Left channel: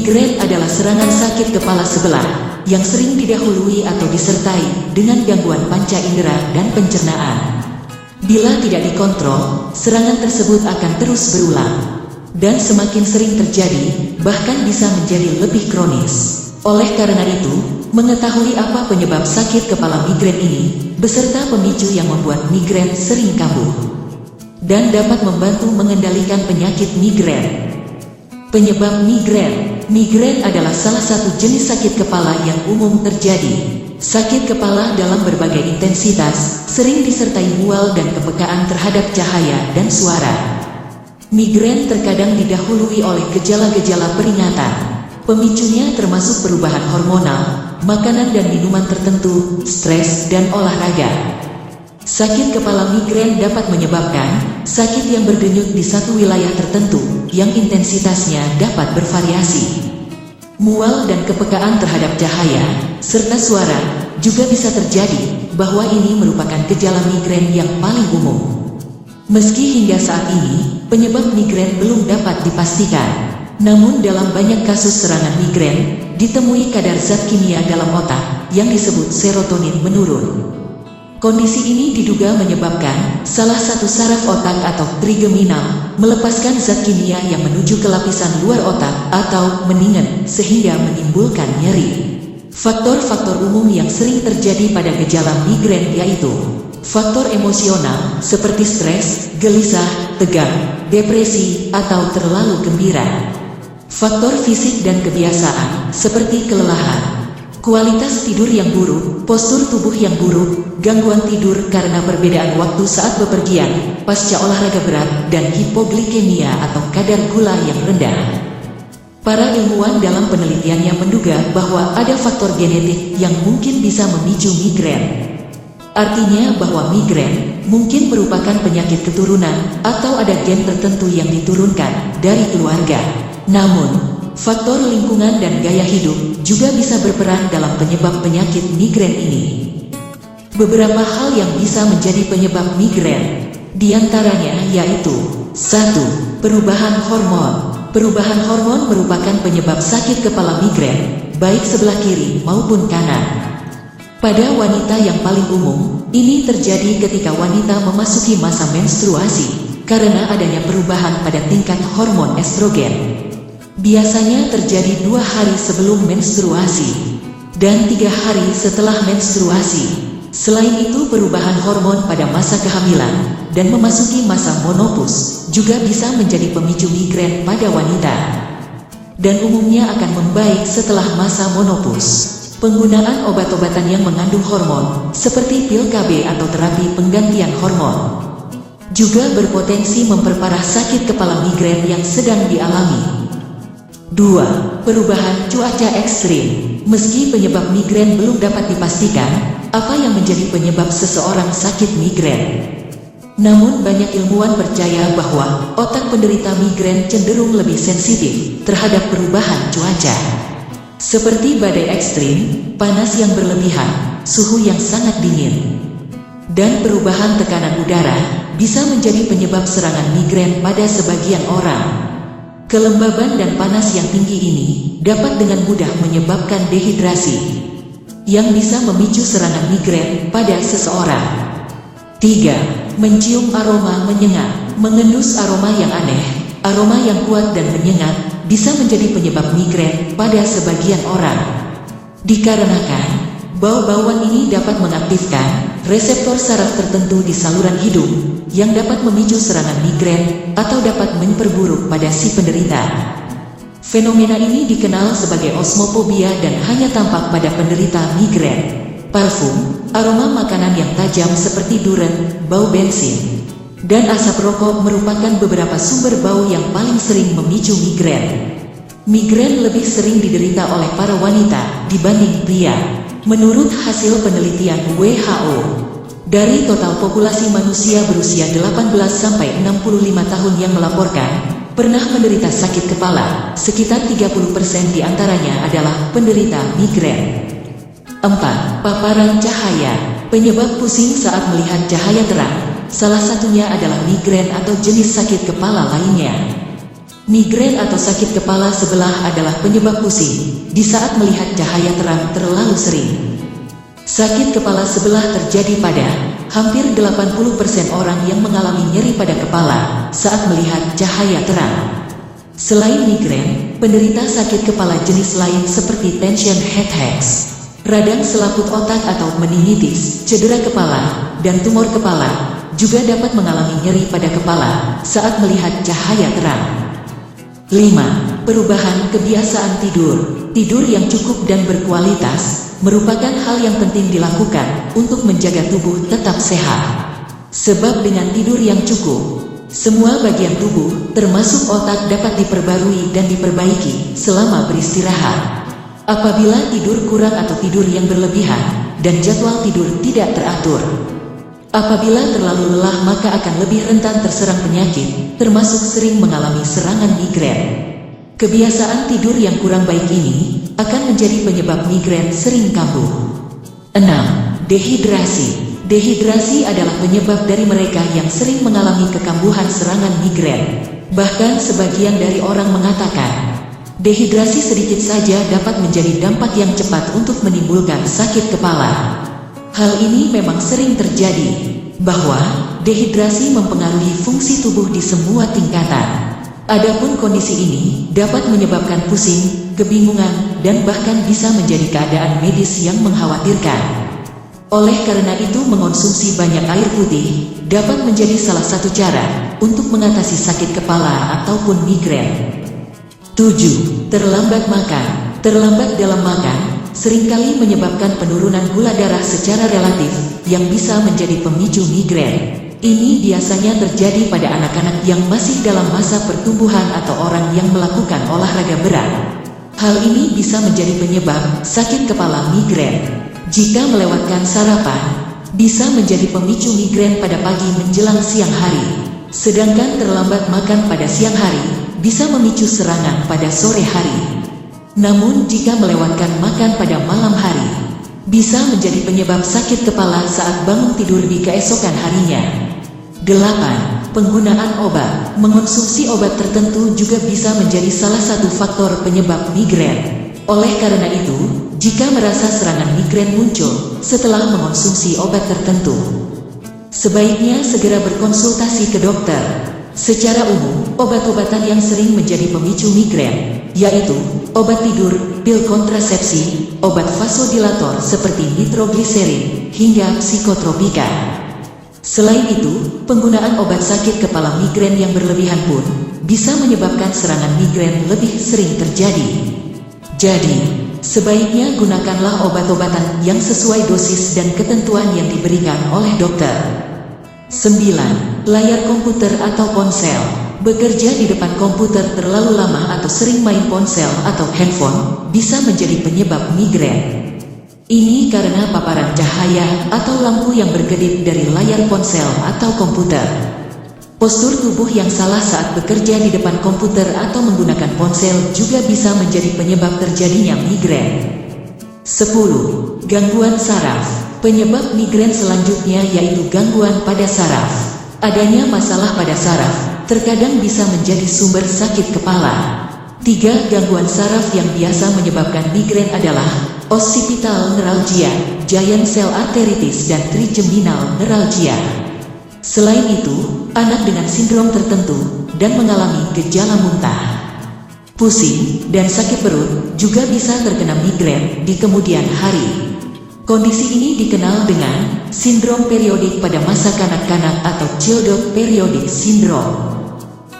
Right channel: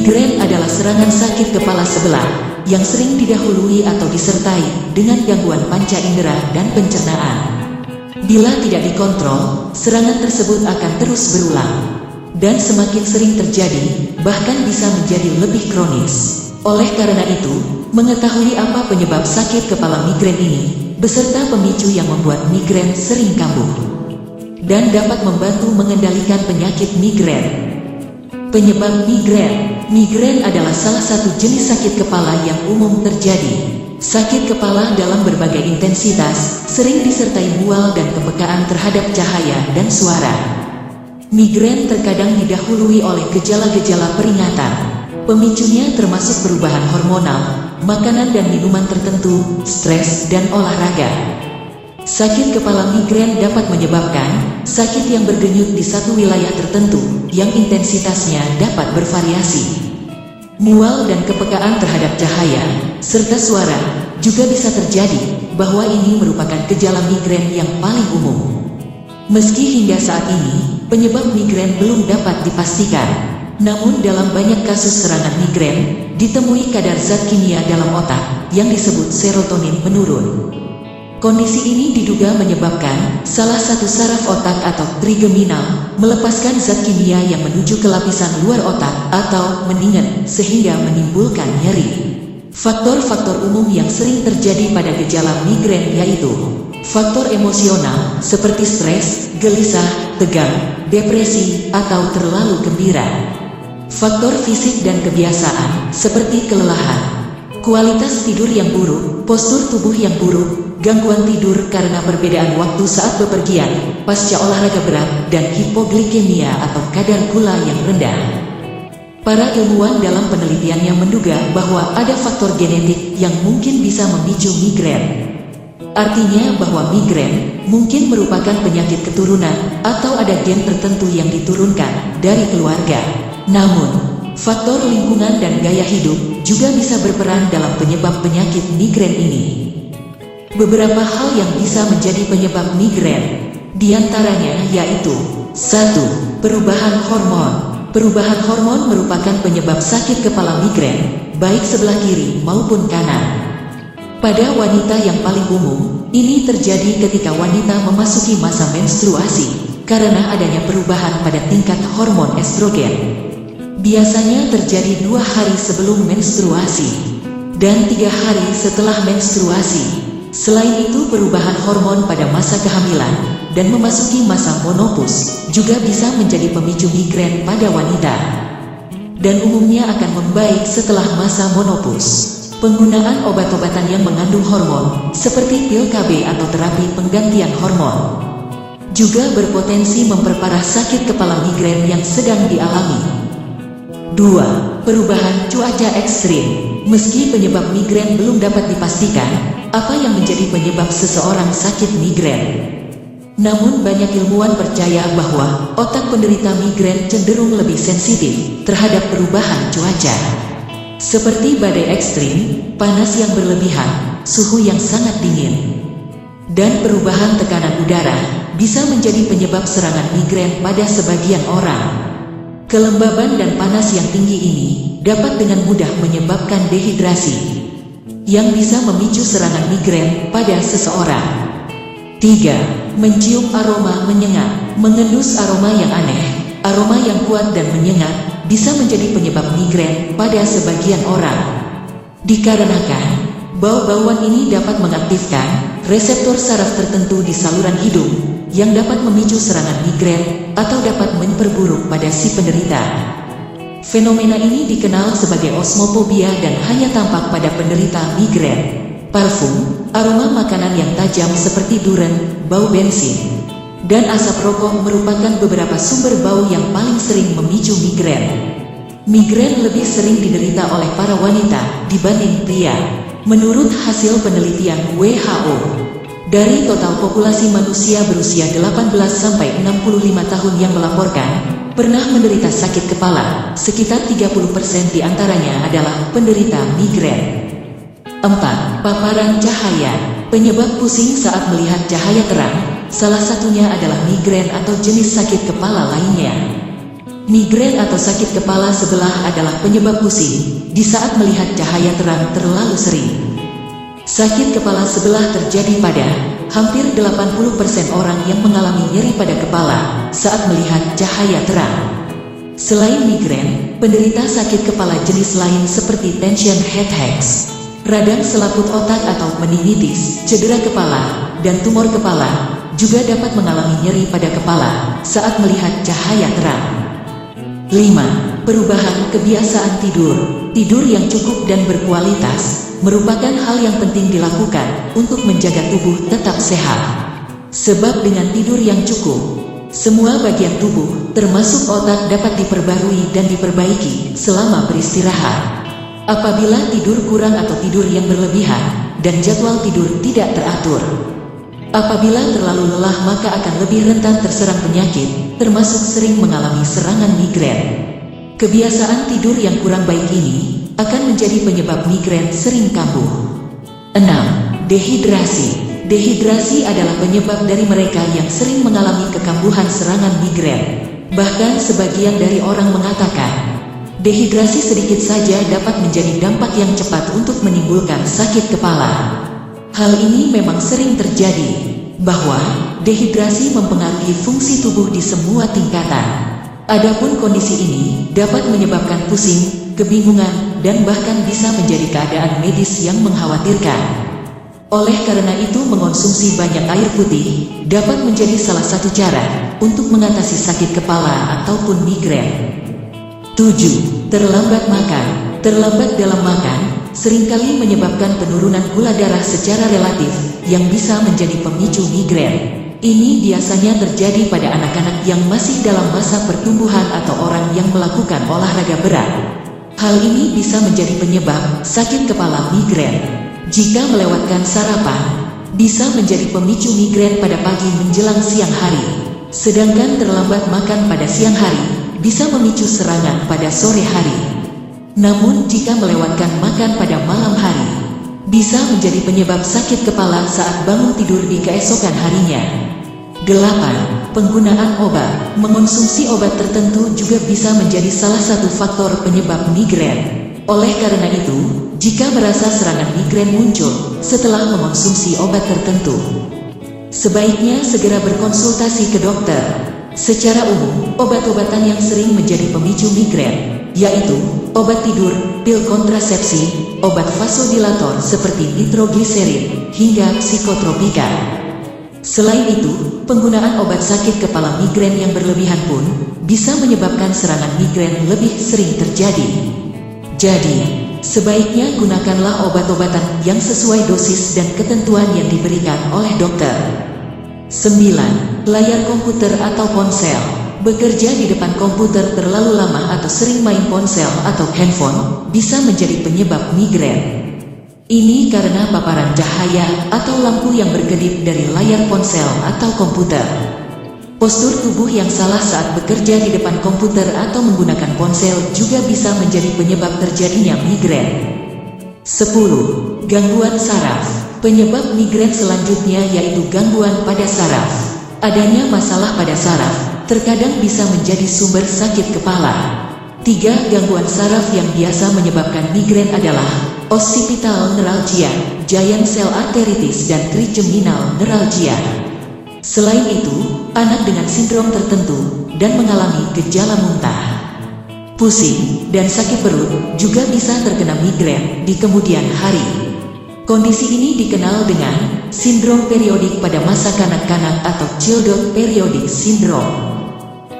Migrain adalah serangan sakit kepala sebelah yang sering didahului atau disertai dengan gangguan panca indera dan pencernaan. Bila tidak dikontrol, serangan tersebut akan terus berulang dan semakin sering terjadi, bahkan bisa menjadi lebih kronis. Oleh karena itu, mengetahui apa penyebab sakit kepala migrain ini, beserta pemicu yang membuat migrain sering kambuh, dan dapat membantu mengendalikan penyakit migrain. Penyebab migrain. Migrain adalah salah satu jenis sakit kepala yang umum terjadi. Sakit kepala dalam berbagai intensitas, sering disertai mual dan kepekaan terhadap cahaya dan suara. Migrain terkadang didahului oleh gejala-gejala peringatan. Pemicunya termasuk perubahan hormonal, makanan dan minuman tertentu, stres, dan olahraga. Sakit kepala migrain dapat menyebabkan sakit yang berdenyut di satu wilayah tertentu, yang intensitasnya dapat bervariasi. Mual dan kepekaan terhadap cahaya, serta suara, juga bisa terjadi, bahwa ini merupakan gejala migrain yang paling umum. Meski hingga saat ini, penyebab migrain belum dapat dipastikan. Namun dalam banyak kasus serangan migrain, ditemui kadar zat kimia dalam otak, yang disebut serotonin menurun. Kondisi ini diduga menyebabkan salah satu saraf otak atau trigeminal melepaskan zat kimia yang menuju ke lapisan luar otak atau meningen sehingga menimbulkan nyeri. Faktor-faktor umum yang sering terjadi pada gejala migrain yaitu faktor emosional seperti stres, gelisah, tegang, depresi, atau terlalu gembira. Faktor fisik dan kebiasaan seperti kelelahan, kualitas tidur yang buruk, postur tubuh yang buruk, gangguan tidur karena perbedaan waktu saat bepergian, pasca olahraga berat, dan hipoglikemia atau kadar gula yang rendah. Para ilmuwan dalam penelitiannya menduga bahwa ada faktor genetik yang mungkin bisa memicu migrain. Artinya bahwa migrain mungkin merupakan penyakit keturunan atau ada gen tertentu yang diturunkan dari keluarga. Namun, faktor lingkungan dan gaya hidup juga bisa berperan dalam penyebab penyakit migrain ini. Beberapa hal yang bisa menjadi penyebab migrain, diantaranya yaitu 1. Perubahan hormon. Perubahan hormon merupakan penyebab sakit kepala migrain, baik sebelah kiri maupun kanan. Pada wanita yang paling umum, ini terjadi ketika wanita memasuki masa menstruasi, karena adanya perubahan pada tingkat hormon estrogen. Biasanya terjadi 2 hari sebelum menstruasi, dan 3 hari setelah menstruasi. Selain itu, perubahan hormon pada masa kehamilan dan memasuki masa menopause juga bisa menjadi pemicu migrain pada wanita, dan umumnya akan membaik setelah masa menopause. Penggunaan obat-obatan yang mengandung hormon, seperti pil KB atau terapi penggantian hormon, juga berpotensi memperparah sakit kepala migrain yang sedang dialami. 2. Perubahan cuaca ekstrim. Meski penyebab migrain belum dapat dipastikan, apa yang menjadi penyebab seseorang sakit migrain. Namun banyak ilmuwan percaya bahwa otak penderita migrain cenderung lebih sensitif terhadap perubahan cuaca, seperti badai ekstrim, panas yang berlebihan, suhu yang sangat dingin, dan perubahan tekanan udara bisa menjadi penyebab serangan migrain pada sebagian orang. Kelembaban dan panas yang tinggi ini dapat dengan mudah menyebabkan dehidrasi, yang bisa memicu serangan migrain pada seseorang. 3. Mencium aroma menyengat. Mengendus aroma yang aneh, aroma yang kuat dan menyengat, bisa menjadi penyebab migrain pada sebagian orang. Dikarenakan, bau-bauan ini dapat mengaktifkan reseptor saraf tertentu di saluran hidung, yang dapat memicu serangan migrain, atau dapat memperburuk pada si penderita. Fenomena ini dikenal sebagai osmofobia dan hanya tampak pada penderita migrain. Parfum, aroma makanan yang tajam seperti duren, bau bensin, dan asap rokok merupakan beberapa sumber bau yang paling sering memicu migrain. Migrain lebih sering diderita oleh para wanita dibanding pria. Menurut hasil penelitian WHO, dari total populasi manusia berusia 18-65 tahun yang melaporkan pernah menderita sakit kepala, sekitar 30% diantaranya adalah penderita migrain. 4. Paparan cahaya. Penyebab pusing saat melihat cahaya terang, salah satunya adalah migrain atau jenis sakit kepala lainnya. Migrain atau sakit kepala sebelah adalah penyebab pusing di saat melihat cahaya terang terlalu sering. Sakit kepala sebelah terjadi pada hampir 80% orang yang mengalami nyeri pada kepala saat melihat cahaya terang. Selain migrain, penderita sakit kepala jenis lain seperti tension headaches, radang selaput otak atau meningitis, cedera kepala, dan tumor kepala juga dapat mengalami nyeri pada kepala saat melihat cahaya terang. 5. Perubahan kebiasaan tidur. Tidur yang cukup dan berkualitas merupakan hal yang penting dilakukan untuk menjaga tubuh tetap sehat. Sebab dengan tidur yang cukup, semua bagian tubuh, termasuk otak, dapat diperbarui dan diperbaiki selama beristirahat. Apabila tidur kurang atau tidur yang berlebihan, dan jadwal tidur tidak teratur, apabila terlalu lelah maka akan lebih rentan terserang penyakit, termasuk sering mengalami serangan migrain. Kebiasaan tidur yang kurang baik ini akan menjadi penyebab migrain sering kambuh. 6. Dehidrasi. Dehidrasi adalah penyebab dari mereka yang sering mengalami kekambuhan serangan migrain. Bahkan sebagian dari orang mengatakan, dehidrasi sedikit saja dapat menjadi dampak yang cepat untuk menimbulkan sakit kepala. Hal ini memang sering terjadi, bahwa dehidrasi mempengaruhi fungsi tubuh di semua tingkatan. Adapun kondisi ini dapat menyebabkan pusing, kebingungan, dan bahkan bisa menjadi keadaan medis yang mengkhawatirkan. Oleh karena itu mengonsumsi banyak air putih dapat menjadi salah satu cara untuk mengatasi sakit kepala ataupun migrain. 7. Terlambat makan. Terlambat dalam makan seringkali menyebabkan penurunan gula darah secara relatif yang bisa menjadi pemicu migrain. Ini biasanya terjadi pada anak-anak yang masih dalam masa pertumbuhan atau orang yang melakukan olahraga berat. Hal ini bisa menjadi penyebab sakit kepala migrain. Jika melewatkan sarapan, bisa menjadi pemicu migrain pada pagi menjelang siang hari. Sedangkan terlambat makan pada siang hari, bisa memicu serangan pada sore hari. Namun jika melewatkan makan pada malam hari, bisa menjadi penyebab sakit kepala saat bangun tidur di keesokan harinya. 8. Penggunaan obat. Mengonsumsi obat tertentu juga bisa menjadi salah satu faktor penyebab migrain. Oleh karena itu, jika merasa serangan migrain muncul setelah mengonsumsi obat tertentu, sebaiknya segera berkonsultasi ke dokter. Secara umum, obat-obatan yang sering menjadi pemicu migrain, yaitu obat tidur, pil kontrasepsi, obat vasodilator seperti nitrogliserin, hingga psikotropika. Selain itu, penggunaan obat sakit kepala migrain yang berlebihan pun bisa menyebabkan serangan migrain lebih sering terjadi. Jadi, sebaiknya gunakanlah obat-obatan yang sesuai dosis dan ketentuan yang diberikan oleh dokter. 9. Layar komputer atau ponsel. Bekerja di depan komputer terlalu lama atau sering main ponsel atau handphone bisa menjadi penyebab migrain. Ini karena paparan cahaya atau lampu yang berkedip dari layar ponsel atau komputer. Postur tubuh yang salah saat bekerja di depan komputer atau menggunakan ponsel juga bisa menjadi penyebab terjadinya migrain. 10. Gangguan saraf. Penyebab migrain selanjutnya yaitu gangguan pada saraf. Adanya masalah pada saraf terkadang bisa menjadi sumber sakit kepala. 3 gangguan saraf yang biasa menyebabkan migrain adalah occipital neuralgia, giant cell arteritis, dan trigeminal neuralgia. Selain itu, anak dengan sindrom tertentu dan mengalami gejala muntah, pusing, dan sakit perut juga bisa terkena migrain di kemudian hari. Kondisi ini dikenal dengan sindrom periodik pada masa kanak-kanak atau childhood periodic syndrome.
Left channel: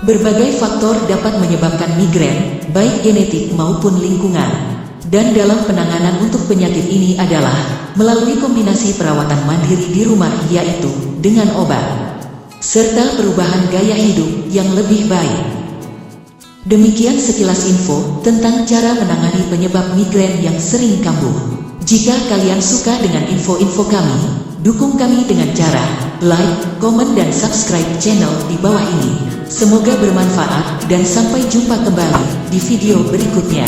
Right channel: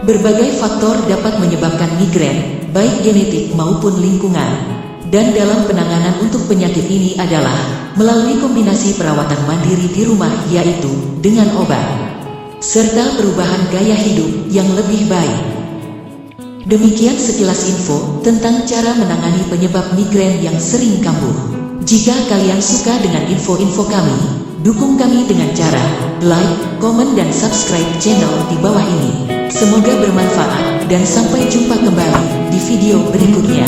Berbagai faktor dapat menyebabkan migrain, baik genetik maupun lingkungan. Dan dalam penanganan untuk penyakit ini adalah melalui kombinasi perawatan mandiri di rumah yaitu dengan obat, serta perubahan gaya hidup yang lebih baik. Demikian sekilas info tentang cara menangani penyebab migrain yang sering kambuh. Jika kalian suka dengan info-info kami, dukung kami dengan cara like, komen, dan subscribe channel di bawah ini. Semoga bermanfaat dan sampai jumpa kembali di video berikutnya.